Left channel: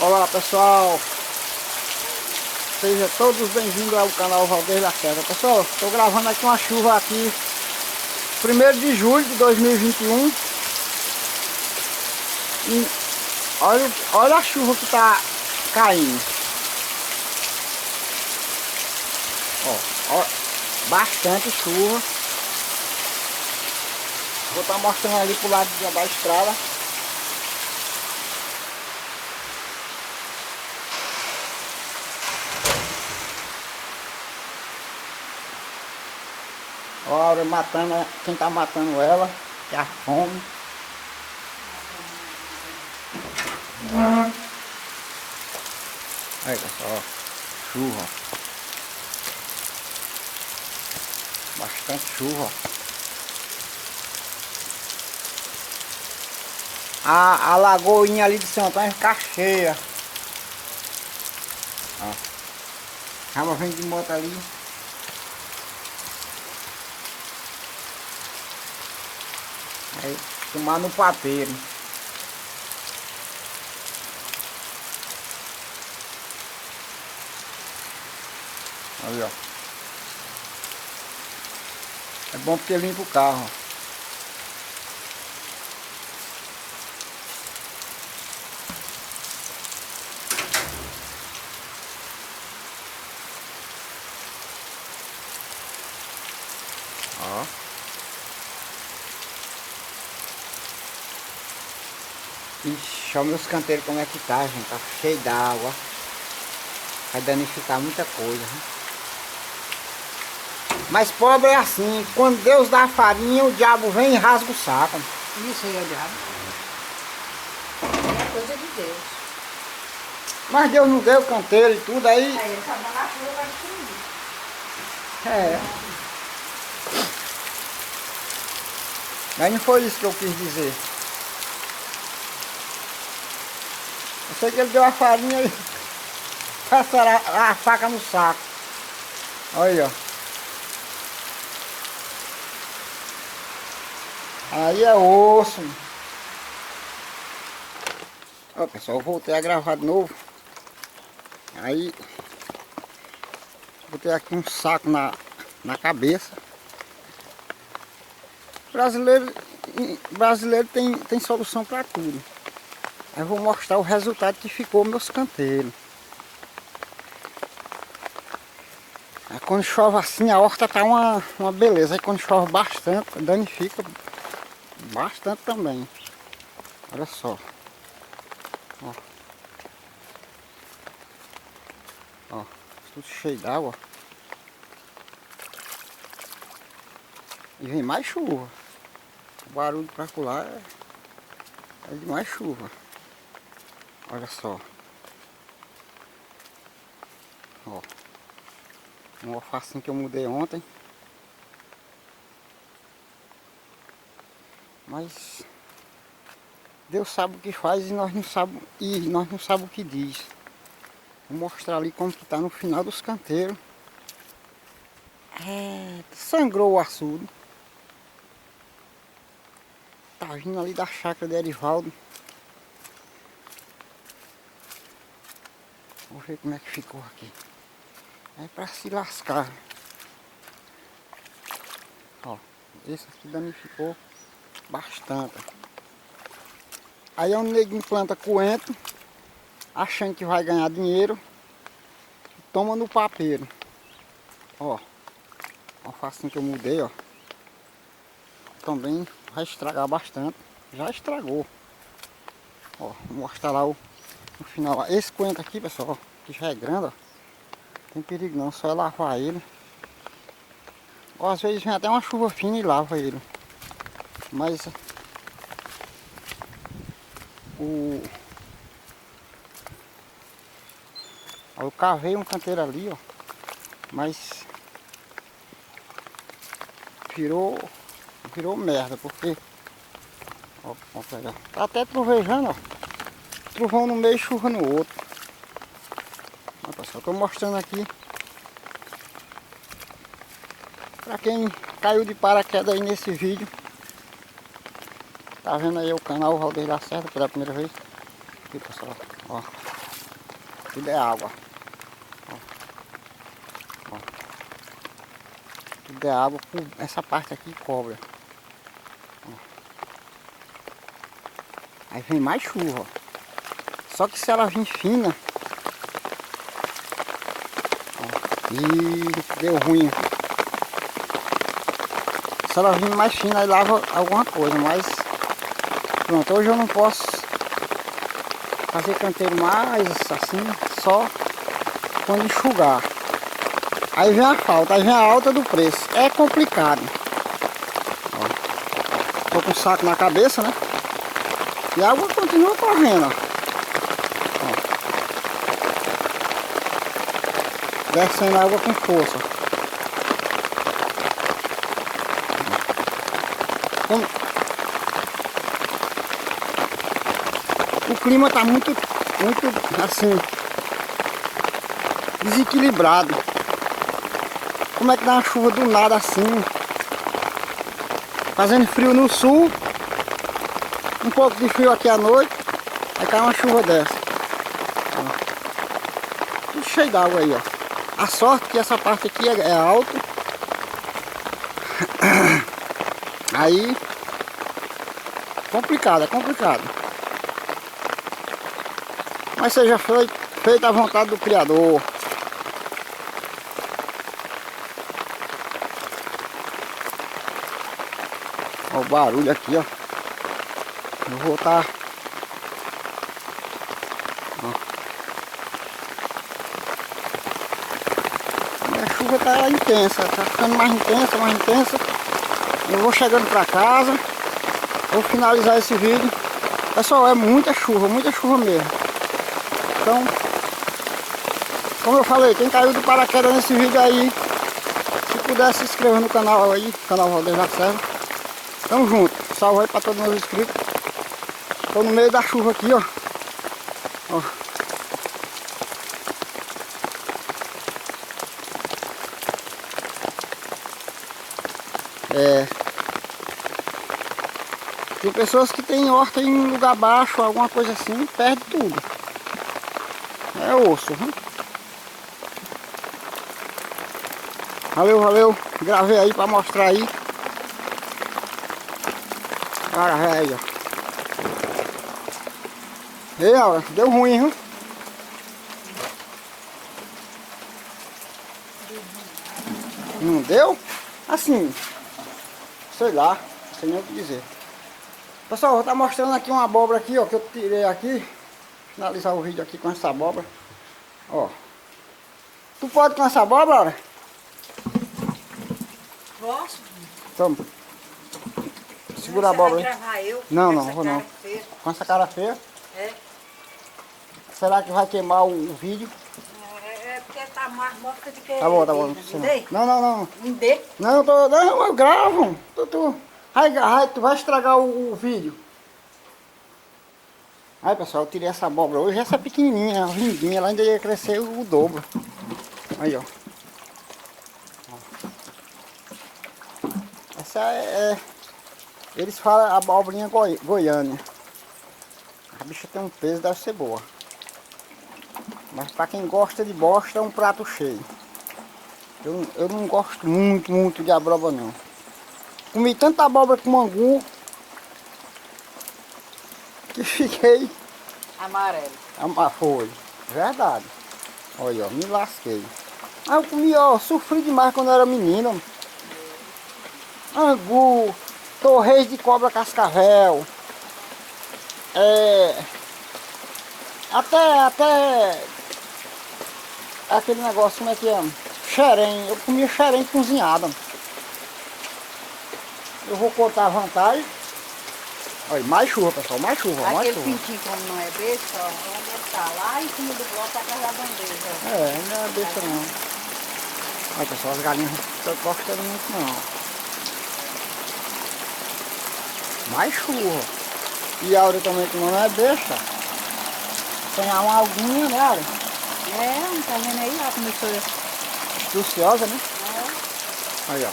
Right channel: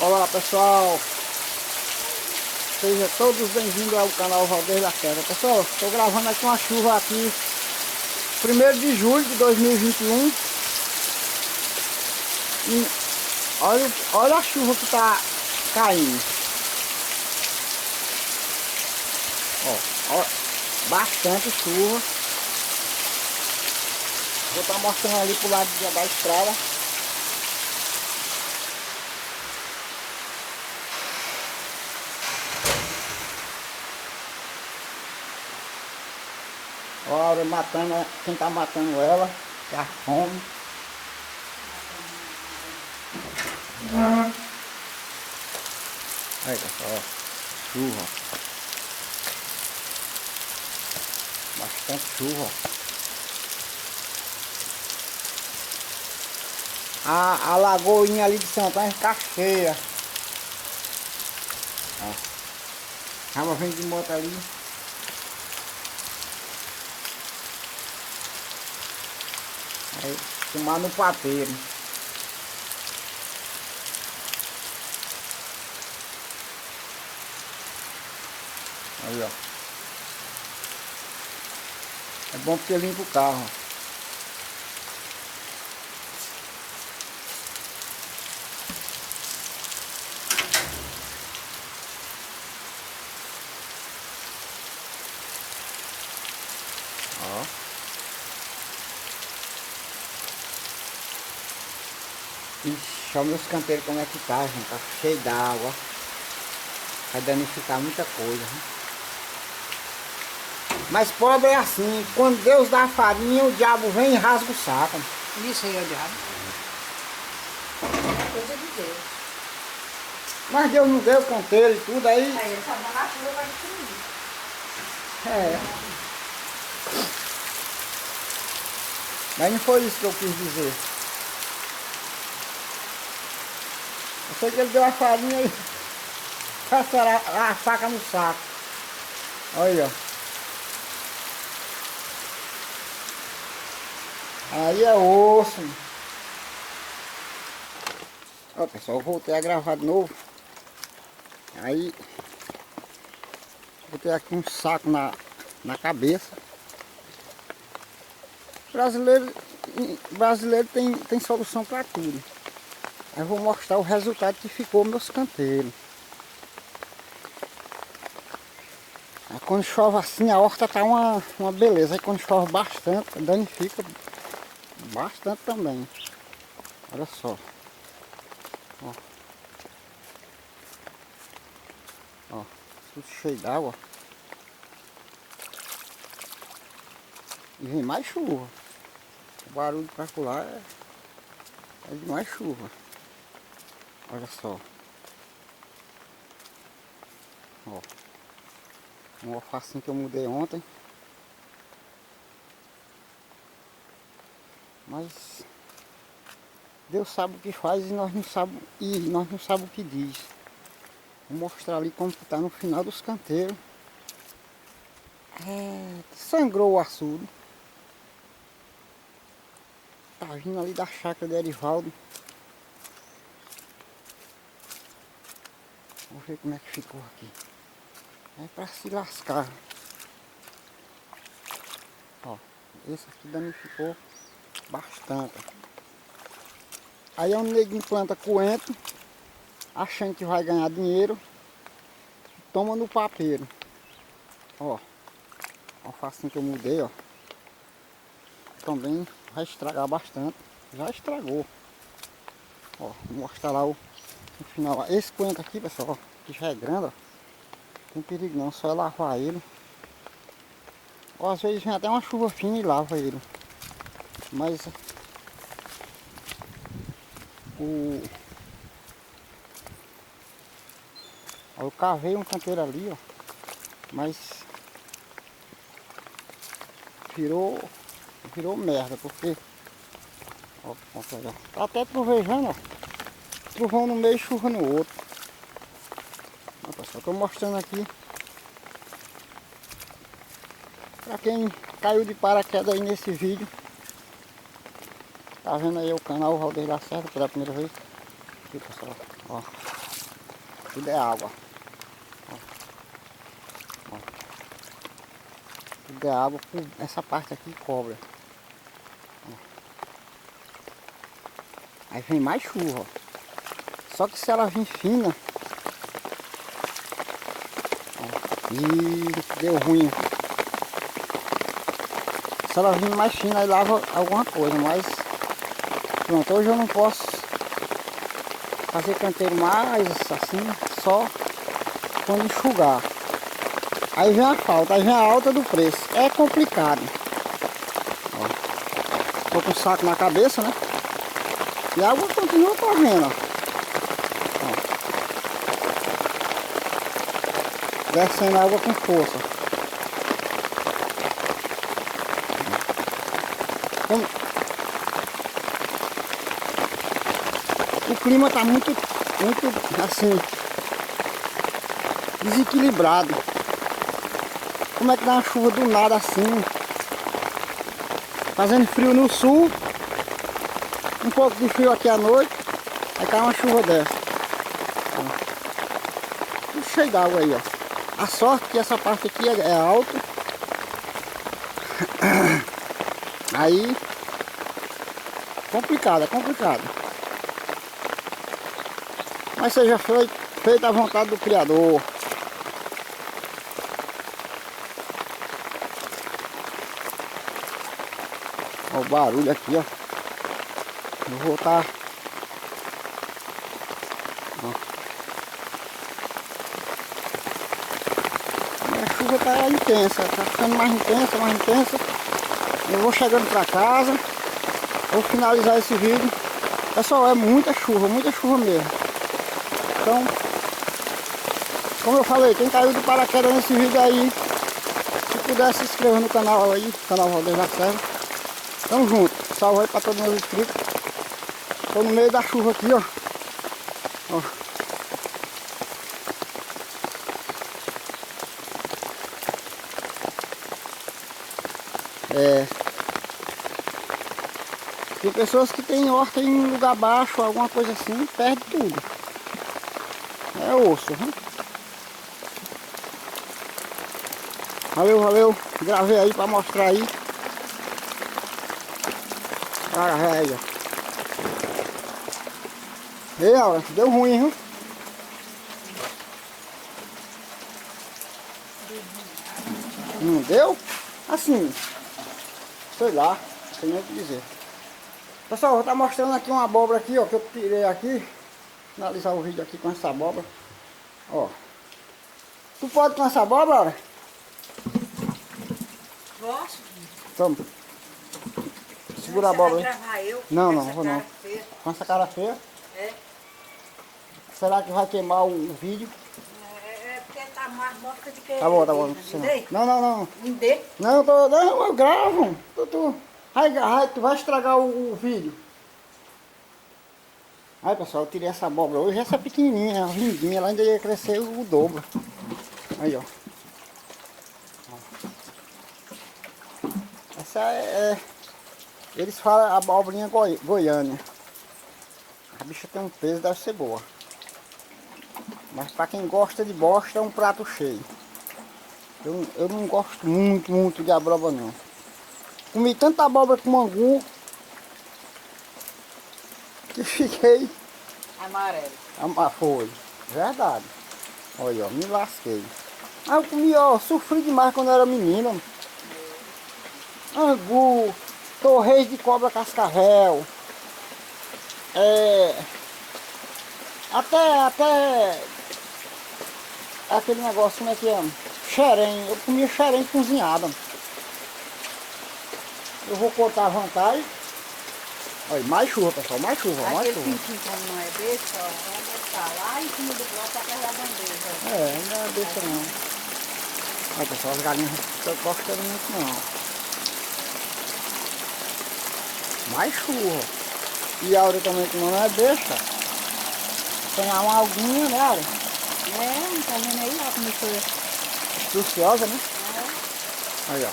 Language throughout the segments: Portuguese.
Olá pessoal, sejam todos bem-vindos ao canal Valdeir Lacerda. Pessoal, estou gravando aqui uma chuva aqui 1º de julho de 2021 e olha a chuva que está caindo. Ó, bastante chuva. Vou estar mostrando ali pro lado da estrada. Olha, matando, quem tá matando ela, que é a fome. Aí pessoal, chuva. Bastante chuva. A lagoinha ali de São Antônio fica cheia. Ó. Ela vem de moto ali. Aí, tomar no papeiro. Aí, ó. É bom porque limpa o carro. Ó. Ixi, olha meus canteiros como é que tá, gente. Tá cheio d'água. Vai danificar muita coisa, né? Mas pobre é assim, quando Deus dá a farinha, o diabo vem e rasga o saco. Isso aí é o diabo. É coisa de Deus. Mas Deus não deu canteiro e tudo aí. Aí ele só manda a chuva para destruir. É. Mas não foi isso que eu quis dizer. Eu sei que ele deu a farinha e passaram a faca no saco. Olha, ó. Aí é osso. Ó pessoal, eu voltei a gravar de novo. Aí botei aqui um saco na cabeça. Brasileiro tem solução para tudo. Aí eu vou mostrar o resultado que ficou meus canteiros. Aí quando chove assim, a horta tá uma beleza. Aí quando chove bastante, danifica bastante também. Olha só. Ó. Ó, tudo cheio d'água. E vem mais chuva. O barulho pra pular é de mais chuva. Olha só. Ó. Um alfacinho que eu mudei ontem. Mas Deus sabe o que faz e nós não sabemos o que diz. Vou mostrar ali como que tá no final dos canteiros. É, sangrou o açude. Tá vindo ali da chácara de Erivaldo. Vou ver como é que ficou aqui. É pra se lascar. Ó, esse aqui danificou bastante. Aí é um neguinho planta coentro, achando que vai ganhar dinheiro, toma no papeiro. Ó, a alfacinha que eu mudei, ó, também vai estragar bastante. Já estragou. Ó, vou mostrar lá no final. Esse coentro aqui, pessoal, ó, que já é grande, ó, tem perigo não, só é lavar ele. Ó, às vezes vem até uma chuva fina e lava ele. Mas eu cavei um canteiro ali, ó, mas virou merda, porque ó, tá até trovejando, ó, trovão no meio e chuva no outro. Ó, pessoal, tô mostrando aqui pra quem caiu de paraquedas aí nesse vídeo. Tá vendo aí o canal Valdeir Lacerda pela primeira vez? Aqui pessoal, ó. Tudo é água. Ó. Ó. Tudo é água. Essa parte aqui cobra. Ó. Aí vem mais chuva. Ó. Só que se ela vir fina... Ó. Ih, deu ruim. Se ela vir mais fina, aí lava alguma coisa, mas... Pronto, hoje eu não posso fazer canteiro mais assim, só quando enxugar. Aí vem a falta, aí vem a alta do preço. É complicado. Ó. Tô com o saco na cabeça, né? E a água continua correndo, ó. Ó. Descendo a água com força. Como... O clima tá muito assim, desequilibrado. Como é que dá uma chuva do nada assim? Fazendo frio no sul, um pouco de frio aqui à noite, aí cai uma chuva dessa. Ó. Tudo cheio d'água aí, ó. A sorte que essa parte aqui é alta. Aí, complicado, é complicado. Mas seja feita à vontade do Criador. Olha o barulho aqui, ó. Eu vou estar... A chuva tá intensa, tá ficando mais intensa, mais intensa. Eu vou chegando pra casa. Vou finalizar esse vídeo. Pessoal, é muita chuva mesmo. Então, como eu falei, quem caiu de paraquedas nesse vídeo aí, se puder se inscrever no canal aí, canal Valdeir Lacerda. Tamo junto, salve aí pra todos meus inscritos. Tô no meio da chuva aqui, ó. Ó. Tem pessoas que tem horta em lugar baixo, alguma coisa assim, perde tudo. É osso, viu? Valeu. Gravei aí pra mostrar aí. Cara, aí, ó. Ei, Aura, deu ruim, viu? Não deu? Assim, sei lá, não sei nem o que dizer. Pessoal, vou estar mostrando aqui uma abóbora aqui, ó, que eu tirei aqui. Finalizar o vídeo aqui com essa abóbora. Ó. Tu pode com essa abóbora, Aura? Posso? Toma. Segura a abóbora aí. Gravar eu? Não, vou não. Feia. Com essa cara feia. É. Será que vai queimar o vídeo? É porque tá mais morta do que... Tá bom. Me dê? Não. Me dê? Não, eu gravo. Tu vai estragar o vídeo. Aí, pessoal, eu tirei essa abóbora hoje. Essa é pequenininha, lindinha. Ela ainda ia crescer o dobro. Aí, ó. Essa eles falam abobrinha goiânia. A bicha tem um peso, deve ser boa. Mas pra quem gosta de bosta é um prato cheio. Eu não gosto muito de abóbora não. Comi tanta abóbora com angu que fiquei... Amarelo. Foi, verdade. Olha, ó, me lasquei. Eu comi, ó, sofri demais quando eu era menino. Angu, torresmo de cobra cascavel. Até aquele negócio, como é que é? Xerém, eu comia xerém cozinhada. Eu vou cortar a vantagem. Olha, mais chuva, pessoal, mais chuva. Aquele pintinho, como não é besta, ó, vai botar lá em cima do bloco atrás da bandeja. Não é besta não. Olha, pessoal, as galinhas não estão gostando muito não. Mais chuva. E a Aura também, que não é besta. Tem uma alguinha, né, Aura? Não tá vendo aí? Ó, como foi. Astuciosa, né? Aí, ó.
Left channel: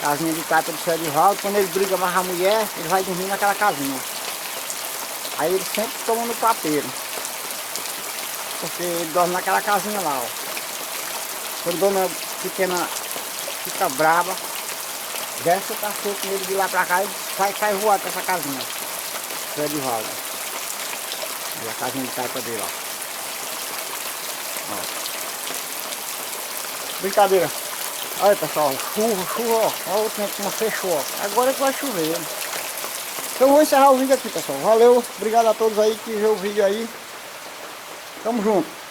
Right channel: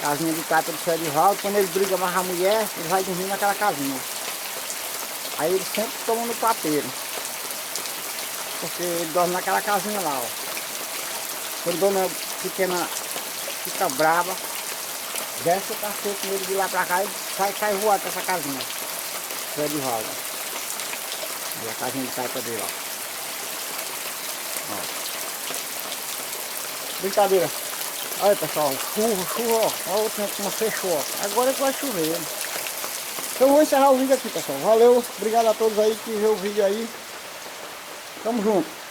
Casinha de cata do seu Edivaldo. Quando ele briga mais a mulher, ele vai dormir naquela casinha. Aí ele sempre toma no papeiro. porque ele dorme naquela casinha lá, ó. Quando a dona pequena fica brava, desce o cachorro com ele de lá pra cá e sai voado pra essa casinha. Pé de valga. Aí a casinha de taipa dele, ó. Brincadeira. Olha pessoal, chuva, ó. Olha o tempo como fechou, ó. Agora é que vai chover. Então eu vou encerrar o vídeo aqui, pessoal. Valeu, obrigado a todos aí que viu o vídeo aí. Tamo junto.